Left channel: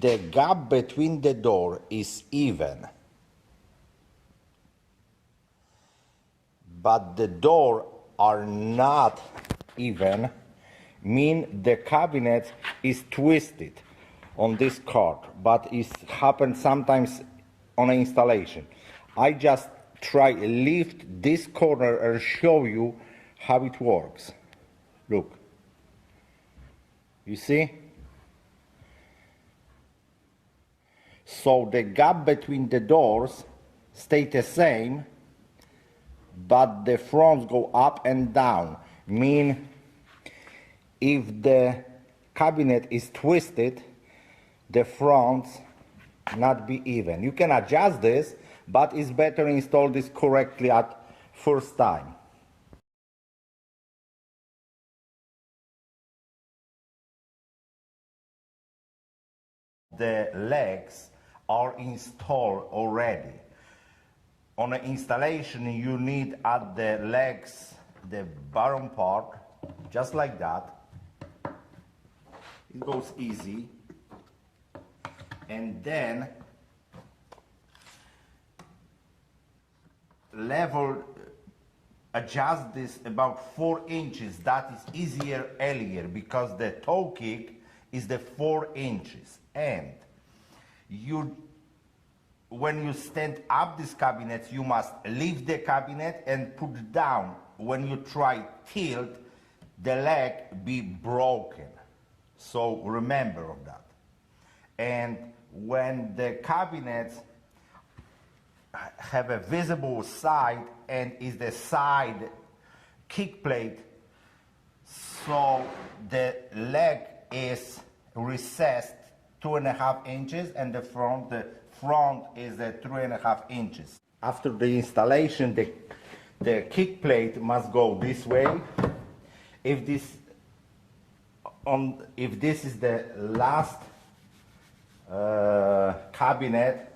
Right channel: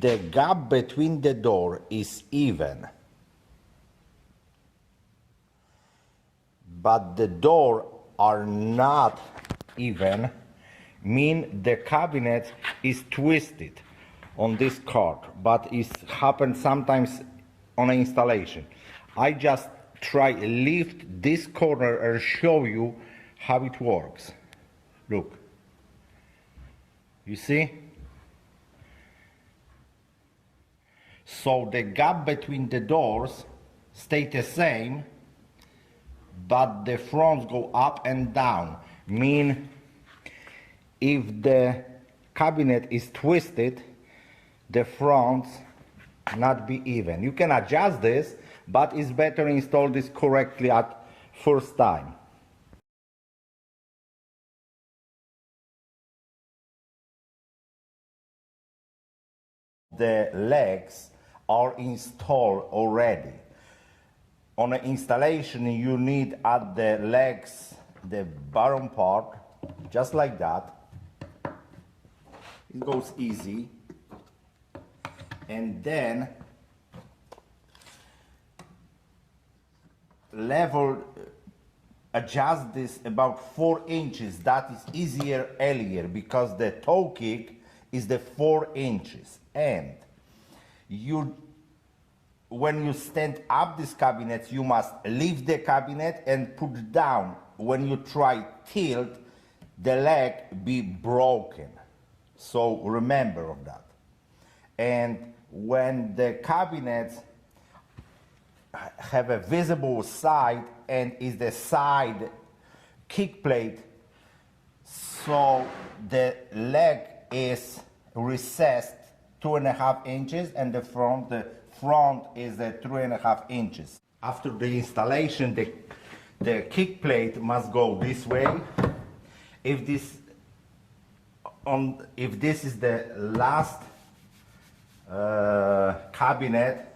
the gap between the door is even, but the door are not even, mean the cabinet is twisted on this card, but it happens sometimes on an installation. I just try lift this corner and show you how it works. Look, you see? So the gap between the doors stay the same, but the fronts go up and down. Mean if the cabinet is twisted, the fronts not be even. You can adjust this, but it's better install this correctly at first time. The legs are installed already. On an installation, you need at the legs, the bottom part, just like that. It goes easy. And then level, adjust this about 4 inches. That is easier earlier because the toe kick is the 4 inches. And when you stand up this cabinet, you must lift the cabinet and put it down. When you try tilt, the leg be broken. So remember of that. And when the cabinets have a visible side and is the side kick plate, so the leg is recessed 2.5 inches and the front is 3.5 inches. After the installation, the kick plate must go this way. If this is the last cabinet,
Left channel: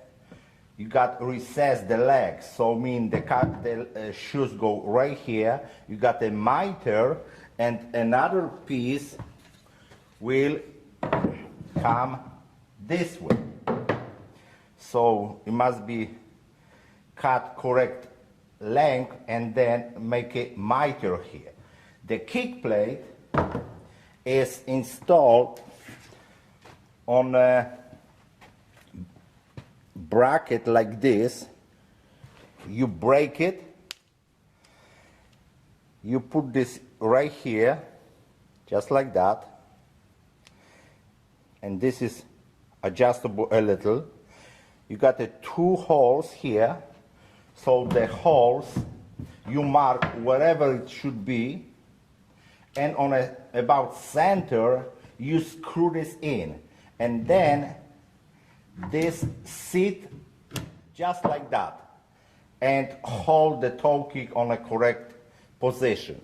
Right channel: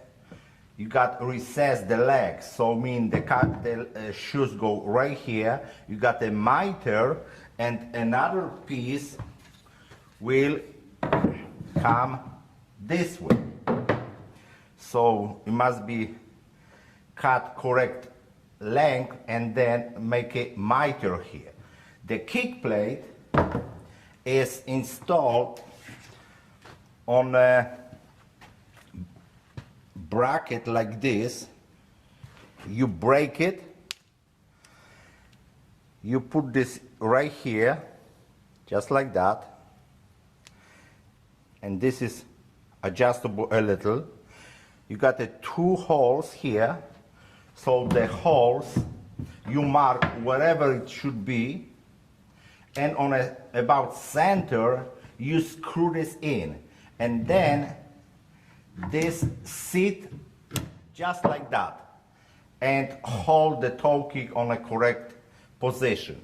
you got to recess the legs. So mean the shoes go right here. You got the miter, and another piece will come this way. So it must be cut correct length and then make a miter here. The kick plate is installed on a bracket like this. You break it, you put this right here, just like that, and this is adjustable a little. You got the 2 holes here, so the holes you mark wherever it should be, and on about center you screw this in, and then this sit just like that and hold the toe kick on a correct position.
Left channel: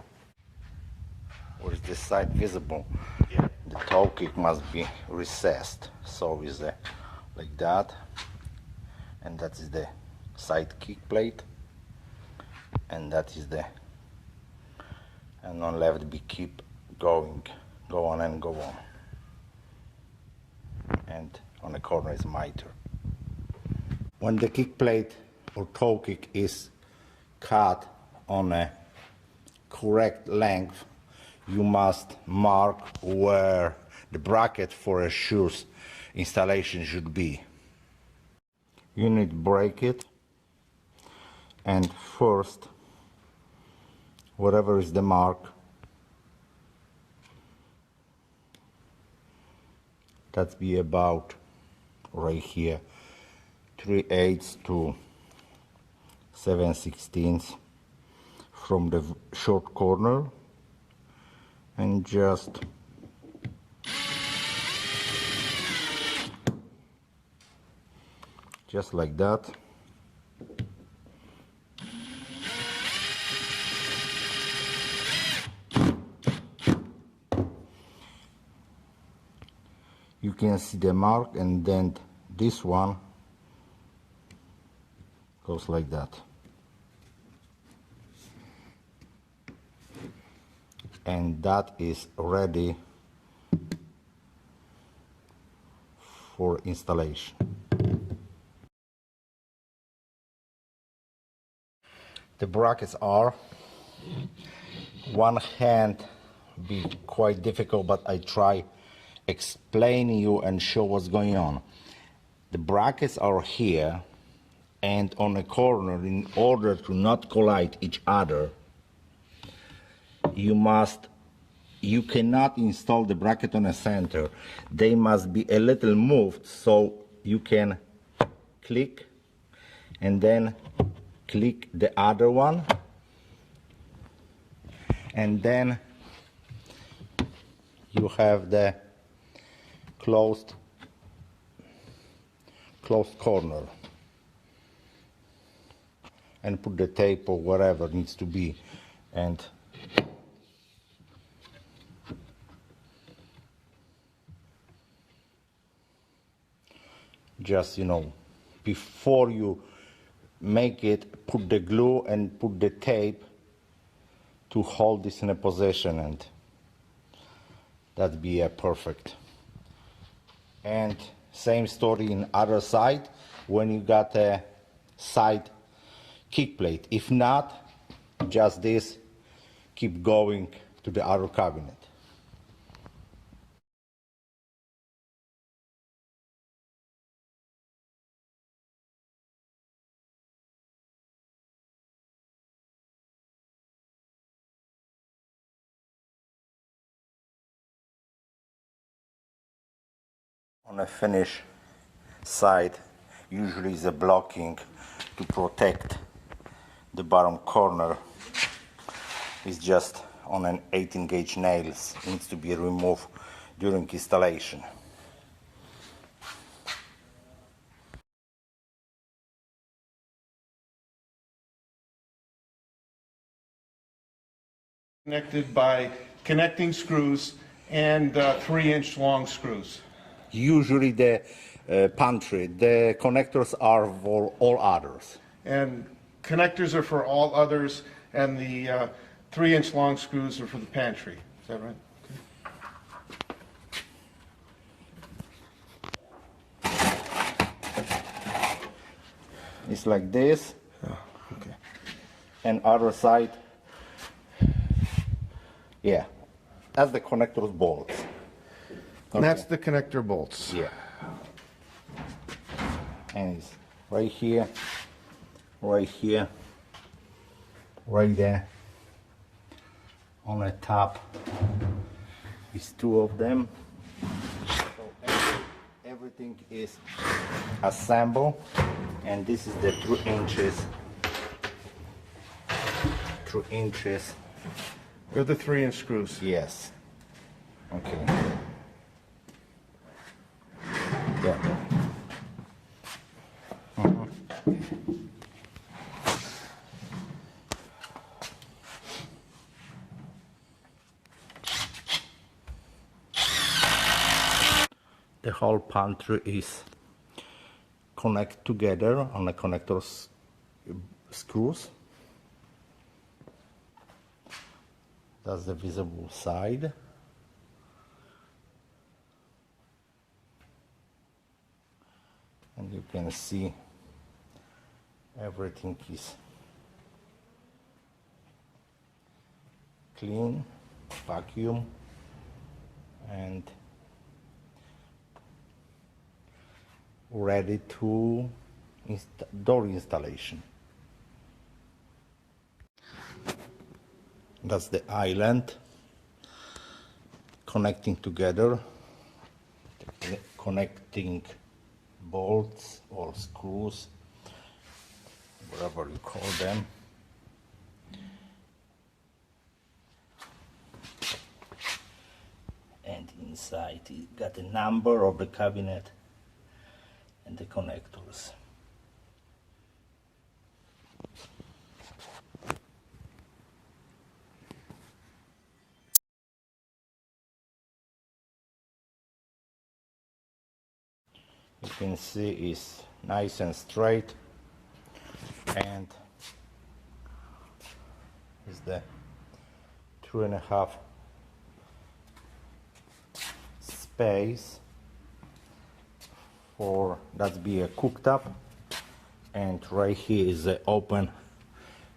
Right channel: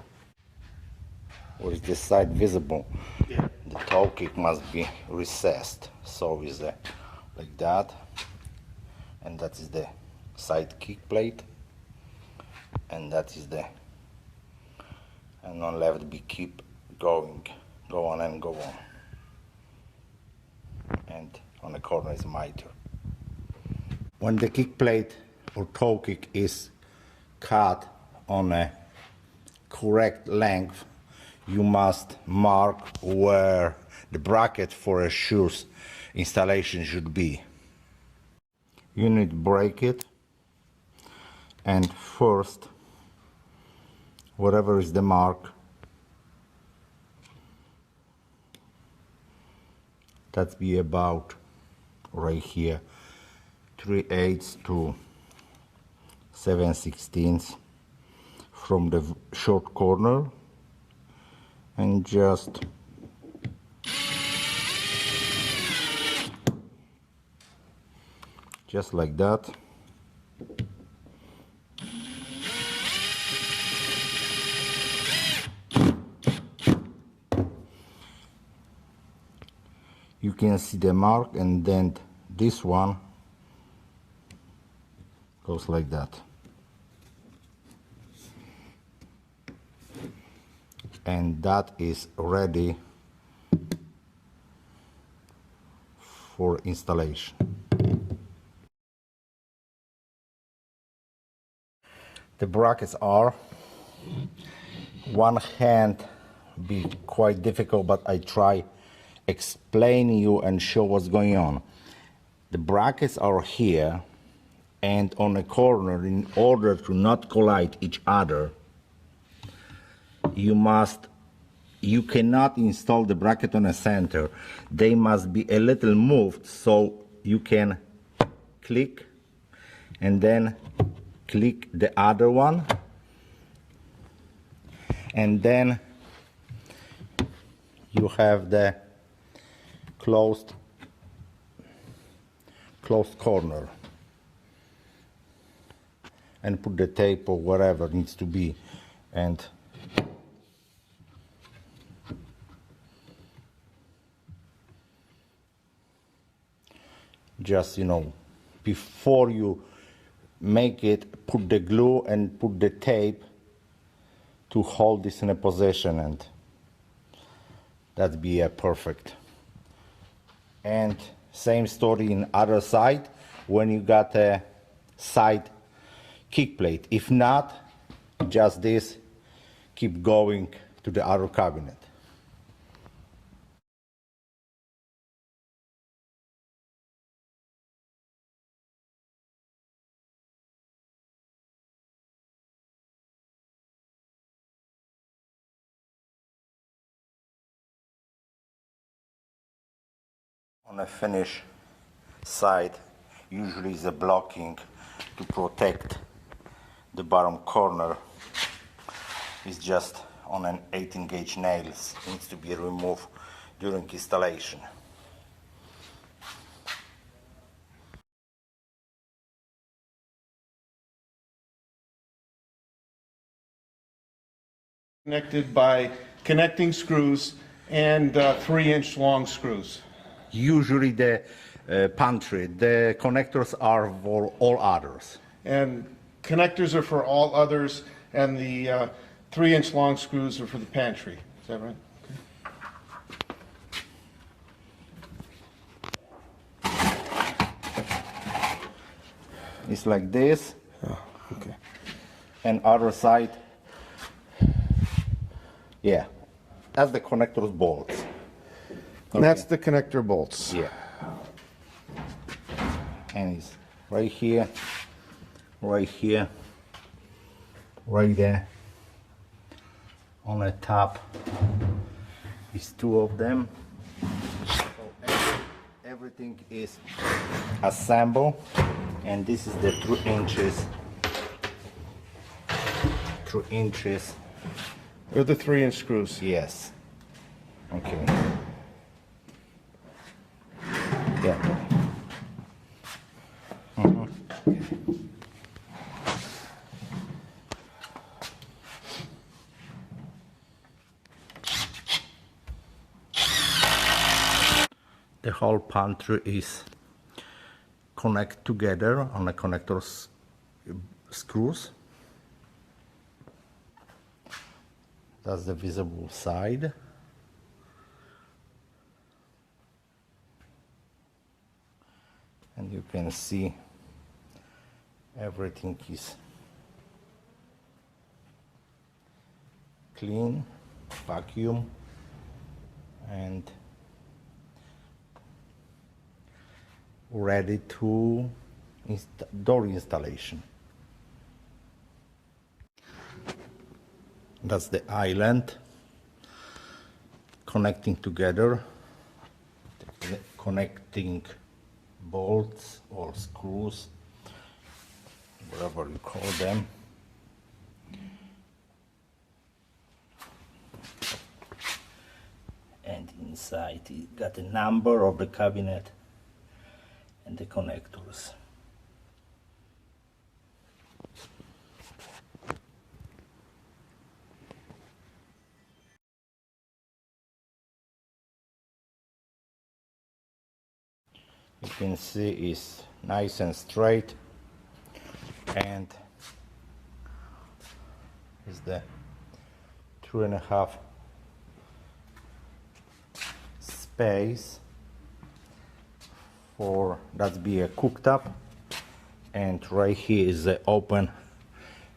Or is this side visible? Yeah. The toe kick must be recessed, so is like that, and that is the side kick plate, and that is the, and on left be keep going, go on and go on, and on the corner is miter. When the kick plate or toe kick is cut on a correct length, you must mark where the bracket for a shoes installation should be. You need to break it, and first, whatever is the mark, that be about right here, 3/8 to 7/16 from the short corner, and just like that. You can see the mark, and then this one goes like that. And that is ready for for installation. The brackets are, one hand be quite difficult, but I try explain you and show what's going on. The brackets are here and on a corner. In order to not collide each other, you cannot install the bracket on a center. They must be a little moved, so you can click and then click the other one, and then you have the closed corner, and put the tape or whatever needs to be, and just, you know, before you make it, put the glue and put the tape to hold this in a position, and that'd be perfect. And same story in other side when you got a side kick plate. If not, just this, keep going to the other cabinet. On a finish side, usually is a blocking to protect the bottom corner. It's just on an 18 gauge nails, needs to be removed during installation. Connected by connecting screws and 3-inch long screws. Usually the pantry, the connectors are for all others. And connectors are for all others, and the 3-inch long screws are for the pantry. Is that right? It's like this. Oh, okay. And other side, yeah, that's the connectors bolts. And that's the connector bolts. Yeah. And it's right here, right here, right there. On the top is 2 of them. So everything is assembled, and this is the 3 inches. 3 inches. They're the 3-inch screws. Yes. Okay. Yeah. The whole pantry is connected together on the connectors screws. That's the visible side. And you can see everything is clean, vacuum, and ready to door installation. That's the island connecting together, the connecting bolts or screws, whatever you call them. And inside you got the number of the cabinet and the connectors. You can see it's nice and straight, and is the 2.5 space for that be a cooktop, and right here is the open,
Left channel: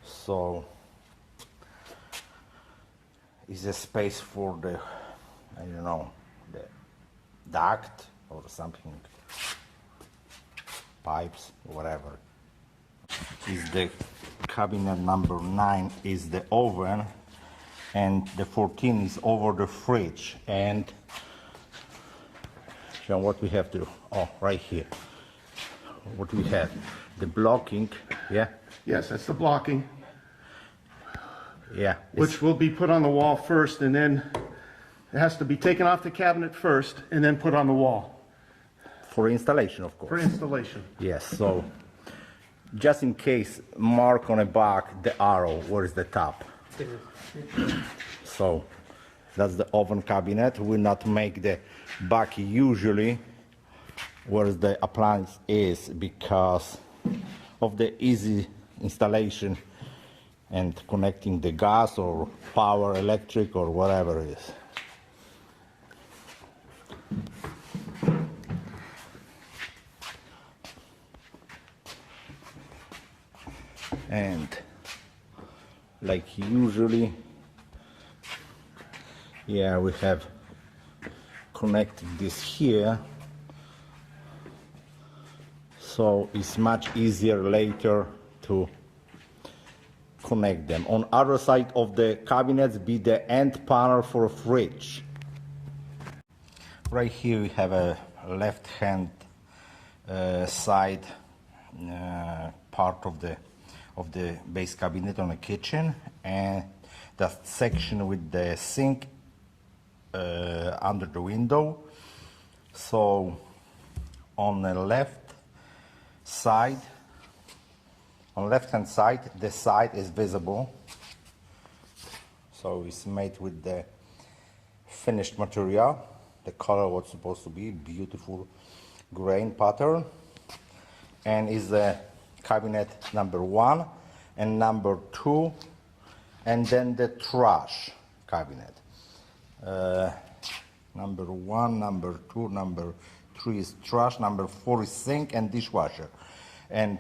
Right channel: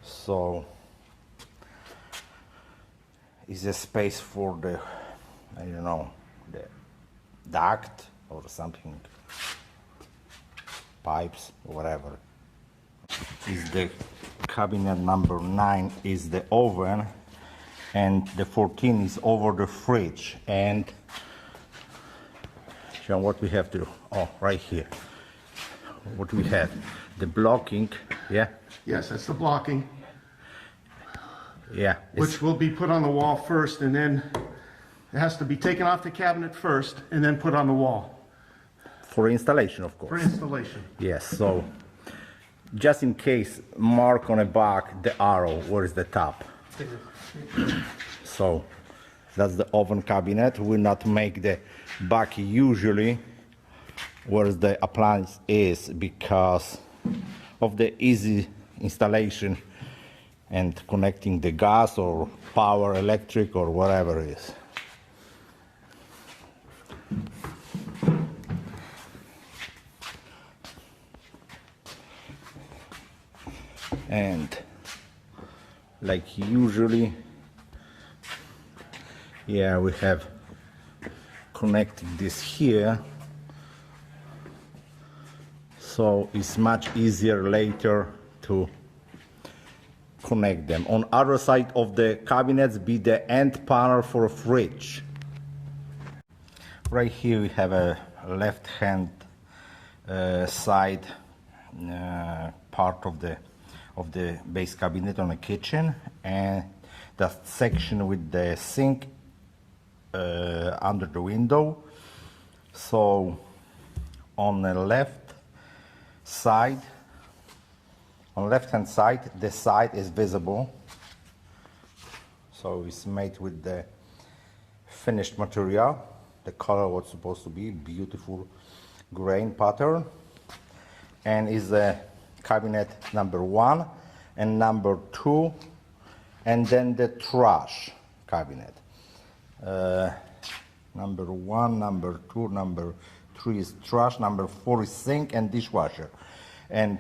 so is a space for the, I don't know, the duct or something, pipes, whatever. Is the cabinet number 9 is the oven, and the 14 is over the fridge. And John, what we have to, oh, right here, what we have, the blocking, yeah, Yes, that's the blocking, yeah, which will be put on the wall first, and then it has to be taken off the cabinet first and then put on the wall for installation, of for course. installation. Yes, so just in case, mark on the back the arrow, where is the top. So that's the oven cabinet. We not make the back usually where the appliance is because of the easy installation and connecting the gas or power, electric or whatever it is. And like usually, yeah, we have connecting this here, so it's much easier later to connect them. On other side of the cabinets be the end panel for a fridge. Right here we have a left hand side part of the base cabinet on the kitchen, and that section with the sink under the window. So on the left side, on left hand side, the side is visible, so it's made with the finished material. The color was supposed to be beautiful grain pattern, and is the cabinet number 1 and number 2, and then the trash cabinet. Number 1, number 2, number 3 is trash, number 4 is sink and dishwasher. And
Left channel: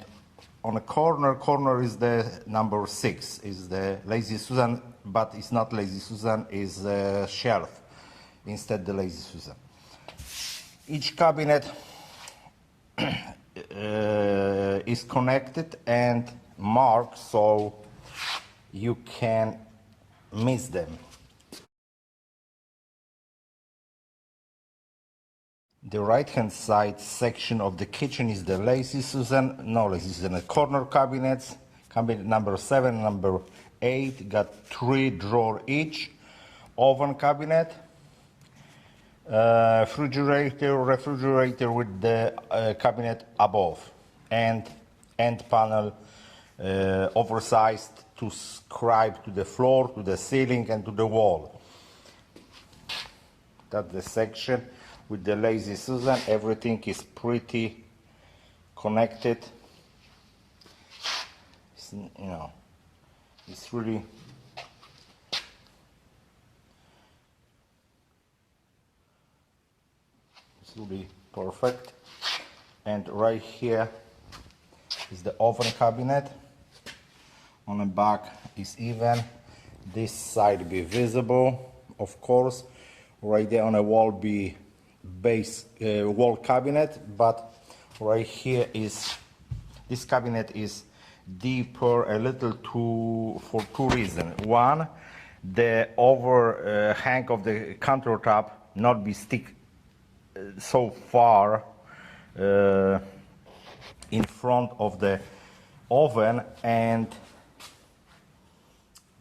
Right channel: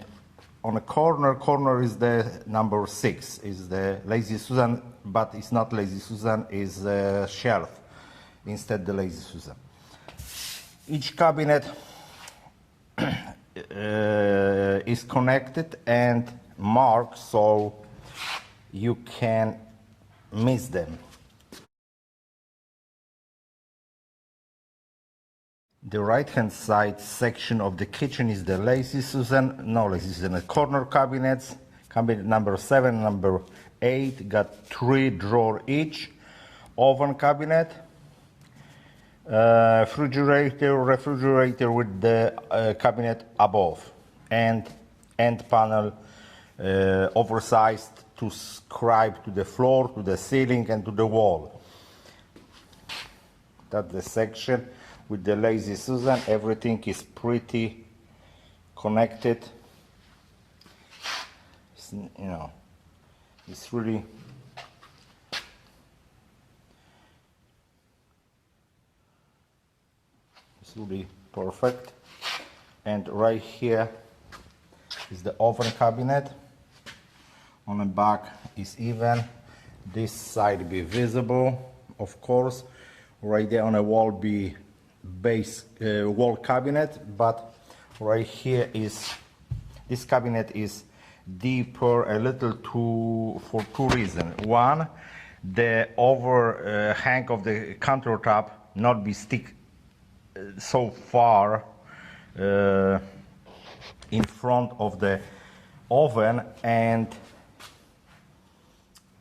on the corner is the number 6, is the Lazy Susan, but it's not Lazy Susan, is the shelf, instead the Lazy Susan. Each cabinet is connected and marked so you can miss them. The right hand side section of the kitchen is the Lazy Susan, no Lazy Susan, the corner cabinets. Cabinet number 7, number 8 got 3 drawers each. Oven cabinet, refrigerator with the cabinet above, and end panel oversized to scribe to the floor, to the ceiling and to the wall. That's the section with the Lazy Susan. Everything is pretty connected. It's, you know, it's really perfect. And right here is the oven cabinet. On the back is even. This side be visible, of course. Right there on the wall be base wall cabinet, but right here is, this cabinet is deeper a little for 2 reasons. One, the overhang of the countertop not be stick so far in front of the oven, and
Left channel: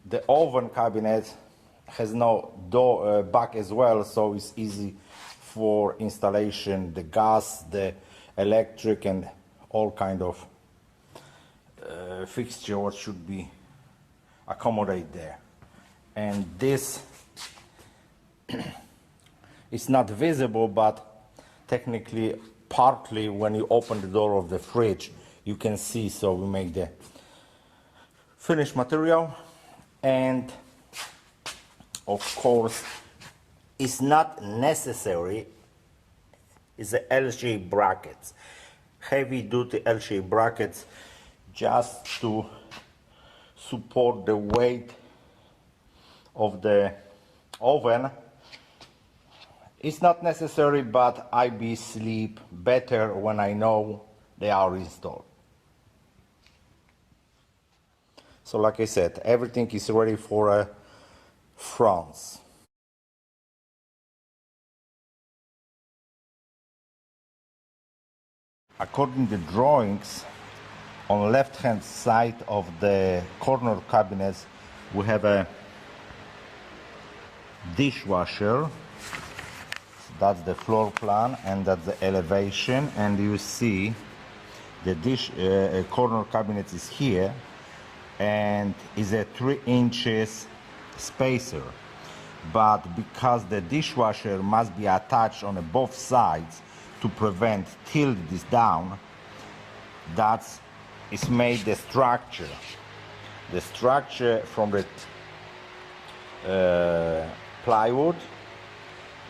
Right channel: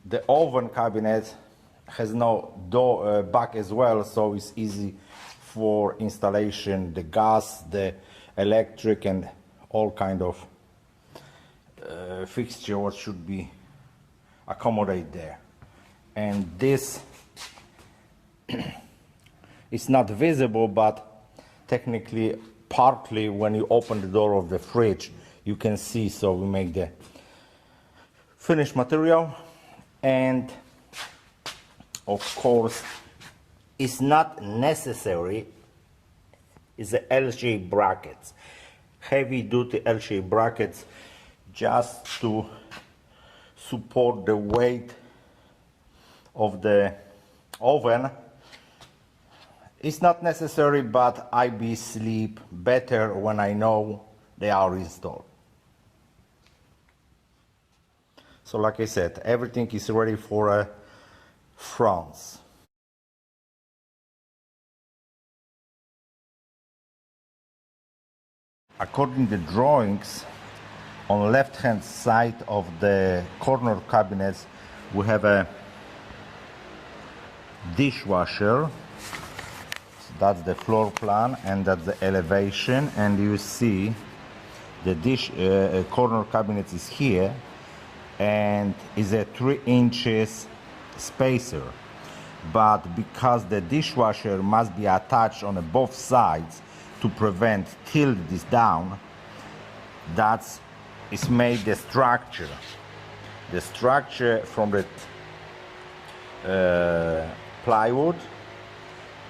the oven cabinet has no door back as well, so it's easy for installation, the gas, the electric and all kind of fixture what should be accommodate there. And this is not visible, but technically partly when you open the door of the fridge you can see, so we make the finished material. And of course it's not necessary is the L-shaped brackets, heavy-duty L-shaped brackets, just to support the weight of the oven. It's not necessary, but I be sleep better when I know they are installed. So like I said, everything is ready for a France. According to the drawings, on the left hand side of the corner cabinets we have a dishwasher. That's the floor plan and that's the elevation, and you see the corner cabinet is here and is a 3 inches spacer, but because the dishwasher must be attached on both sides to prevent tilt this down, that's is made the structure from the plywood,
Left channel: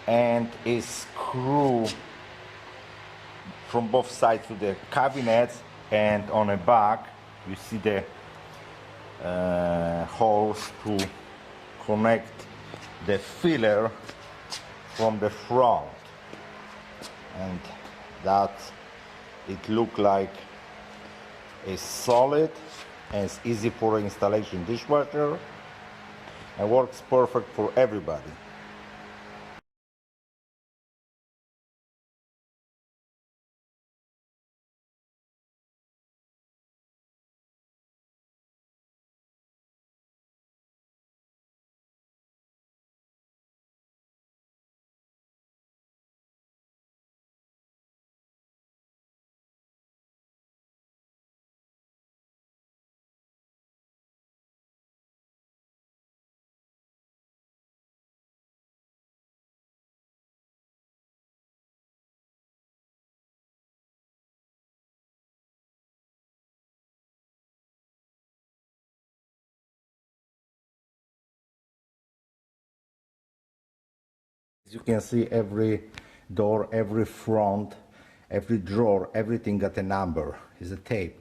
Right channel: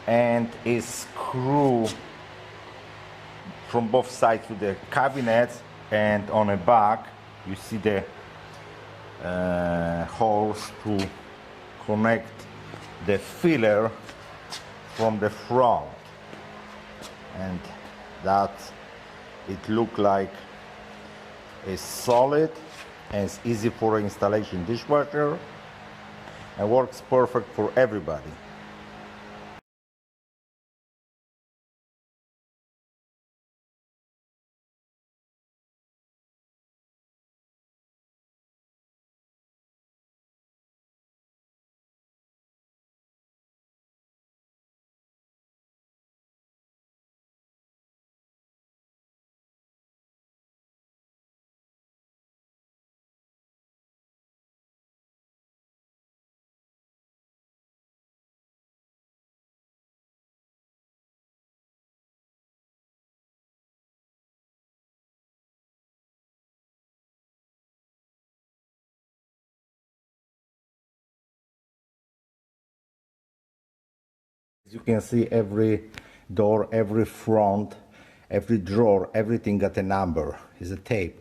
and is screwed from both sides to the cabinets, and on the back you see the holes to connect the filler from the front, and that it look like it's solid and it's easy for installation dishwasher and works perfect for everybody. As you can see, every door, every front, every drawer, everything got a number, is a tape.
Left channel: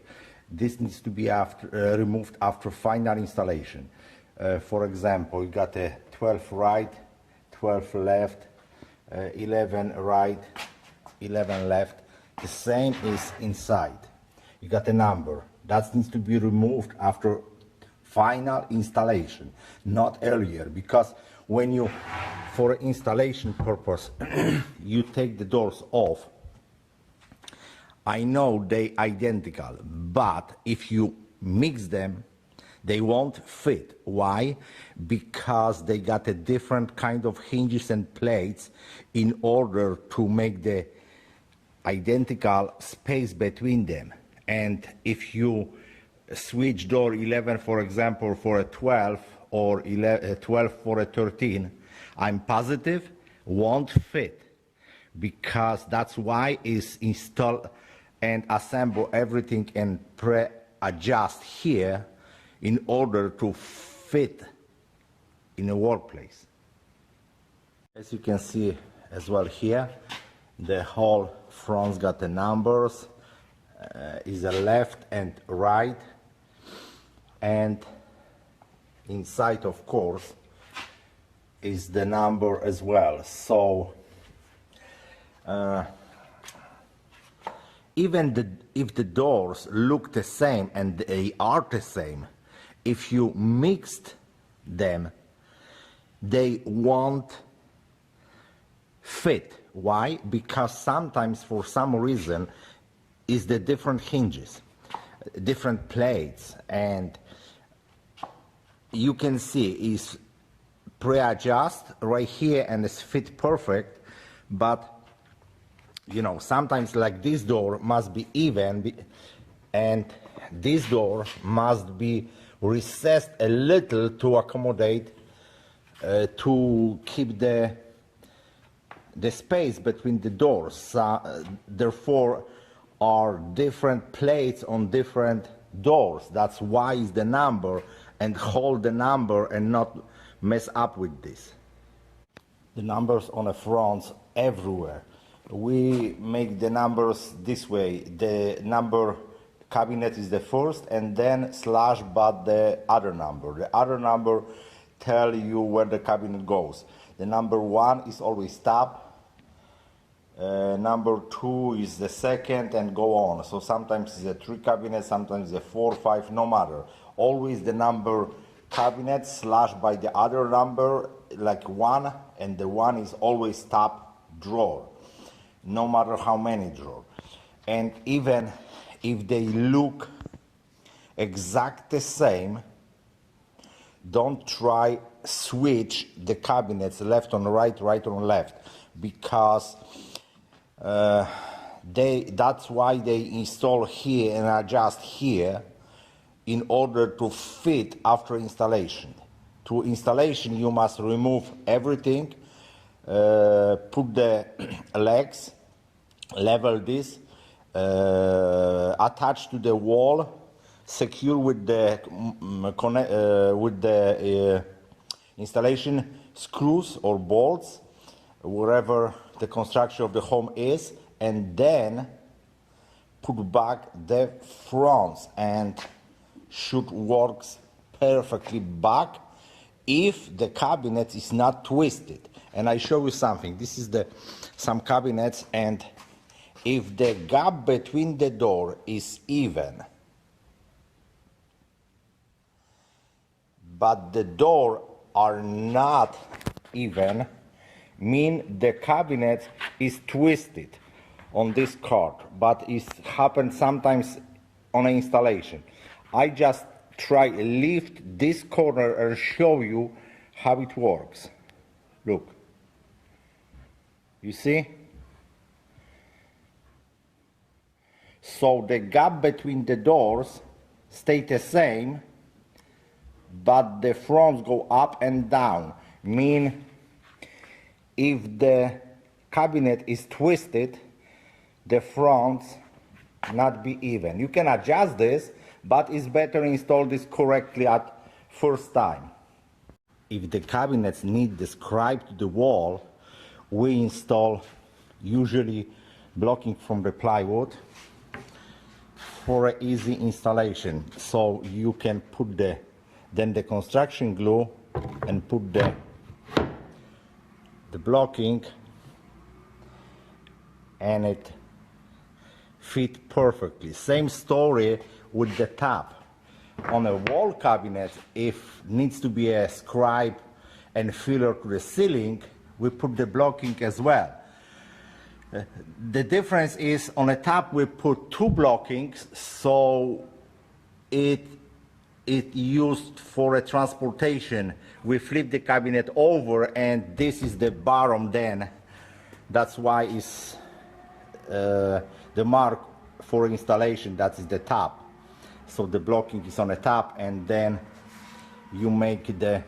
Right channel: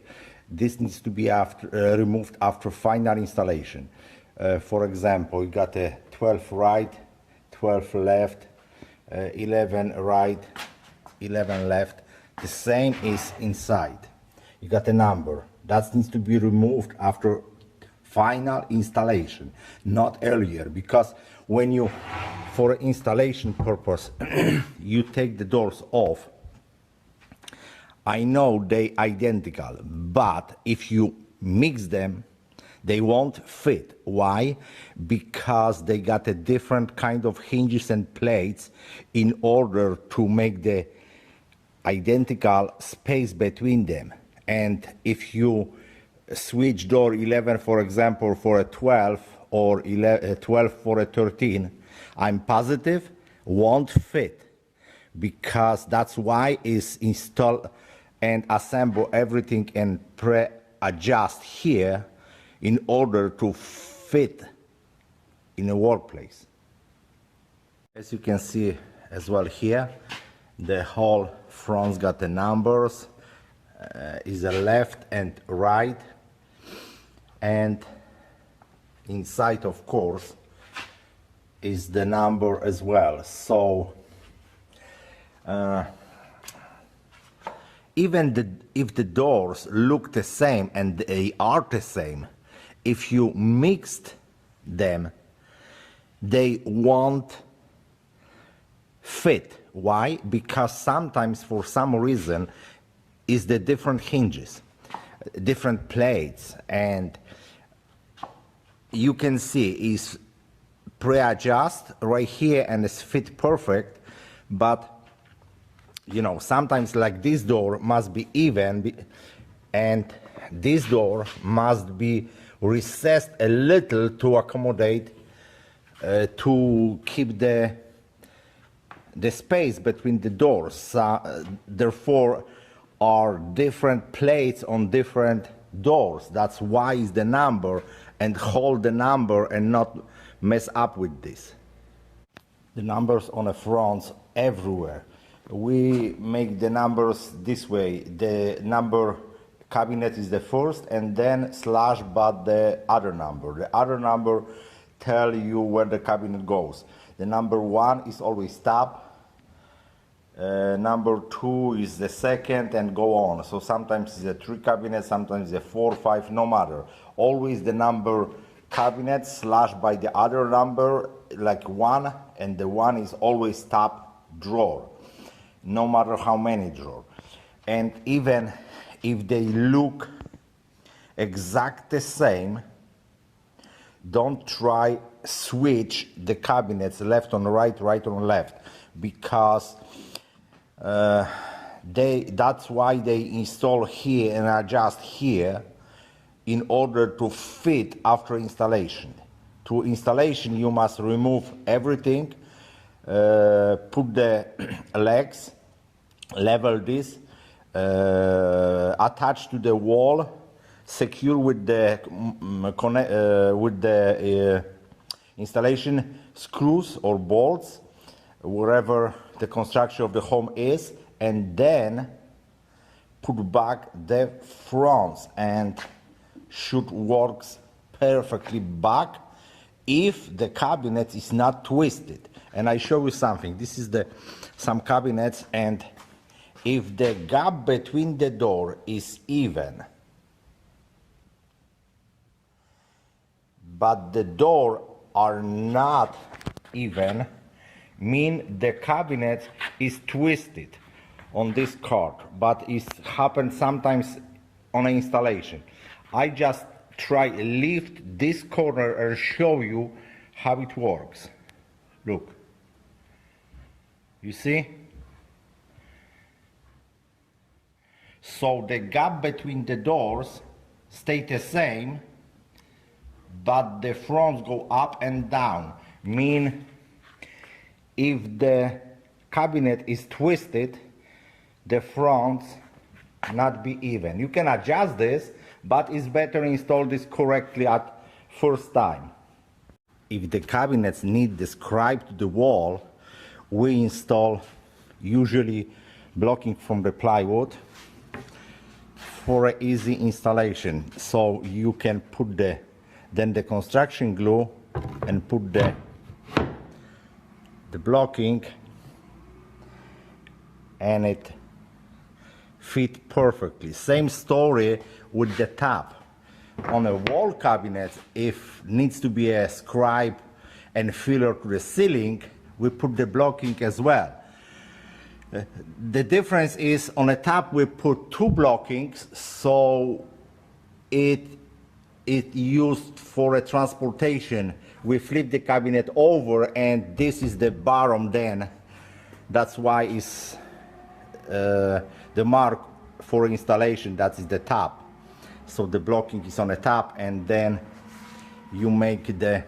This needs to be removed after final installation. For example, you got a 12 right, 12 left, 11 right, 11 left. The same is inside. You got a number. That needs to be removed after final installation, not earlier, because when you, for installation purpose, you take the doors off, I know they identical, but if you mix them, they won't fit. Why? Because they got a different kind of hinges and plates in order to make the identical space between them. And if you switch door 11, for example, for a 12, or 12 for a 13, I'm positive won't fit, because that's why is install and assemble everything and pre-adjust here in order to fit in a workplace. As you can see as well here, the whole front's got the numbers, is a left and right, and inside, of course, is the number as well. So even if the doors look the same, and they are the same, if you mixed them, they won't fit. Why? Because sometimes, for some reason, is the different hinges, different plates, and you can see is pre-adjust right here and it's fit perfect, but you know, sometimes like this door must be even, and this door must be recessed a little to accommodate, to keep the space between the doors. Therefore, are different plates on different doors. That's why is the number, and hold the number and not mess up with this. The numbers on the fronts everywhere. we make the numbers this way. The number cabinet is the first, and then slash but the other number. The other number tell you where the cabinet goes. The number 1 is always top. Number 2 is the second, and go on. So sometimes it's a 3 cabinet, sometimes it's a 4, 5, no matter. Always the number cabinet slash by the other number, like 1, and the 1 is always top drawer, no matter how many drawer. And even if they look exact the same, don't try switch the cabinets left on right, right on left, because that's why they install here and adjust here in order to fit after installation. To installation, you must remove everything, put the legs, level this, attach to the wall, secure with the installation screws or bolts, wherever the construction of the home is, and then put back the fronts, and should works perfectly back if the cabinet is not twisted. And I show you something. This is some cabinets, and if the gap between the door is even, but the door are not even, mean the cabinet is twisted on this card, but it happens sometimes on installation. I just try lift this corner and show you how it works. Look, you see? So the gap between the doors stay the same, but the fronts go up and down. Mean if the cabinet is twisted, the fronts not be even. You can adjust this, but it's better install this correctly at first time. If the cabinets need the scribe to the wall, we install usually blocking from the plywood for an easy installation. So you can put then the construction glue and put the blocking, and it fit perfectly. Same story with the top. On a wall cabinet, if needs to be a scribe and filler to the ceiling, we put the blocking as well. The difference is on the top we put 2 blockings, so it used for a transportation. We flip the cabinet over, and this is the bottom then. That's why it's the mark for installation, that is the top. So the blocking is on the top, and then you make the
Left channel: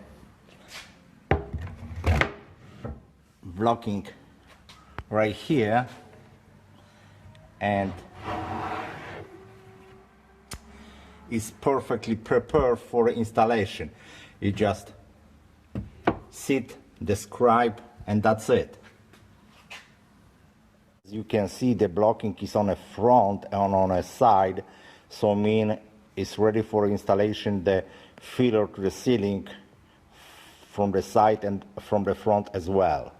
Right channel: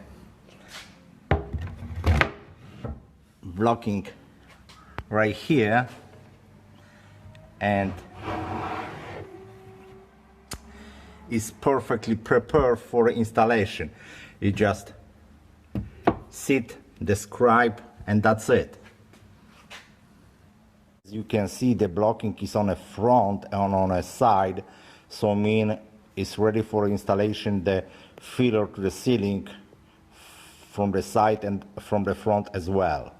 blocking right here, and is perfectly prepared for installation. You just sit, the scribe, and that's it. As you can see, the blocking is on the front and on a side, so mean it's ready for installation. The filler to the ceiling from the side and from the front as well.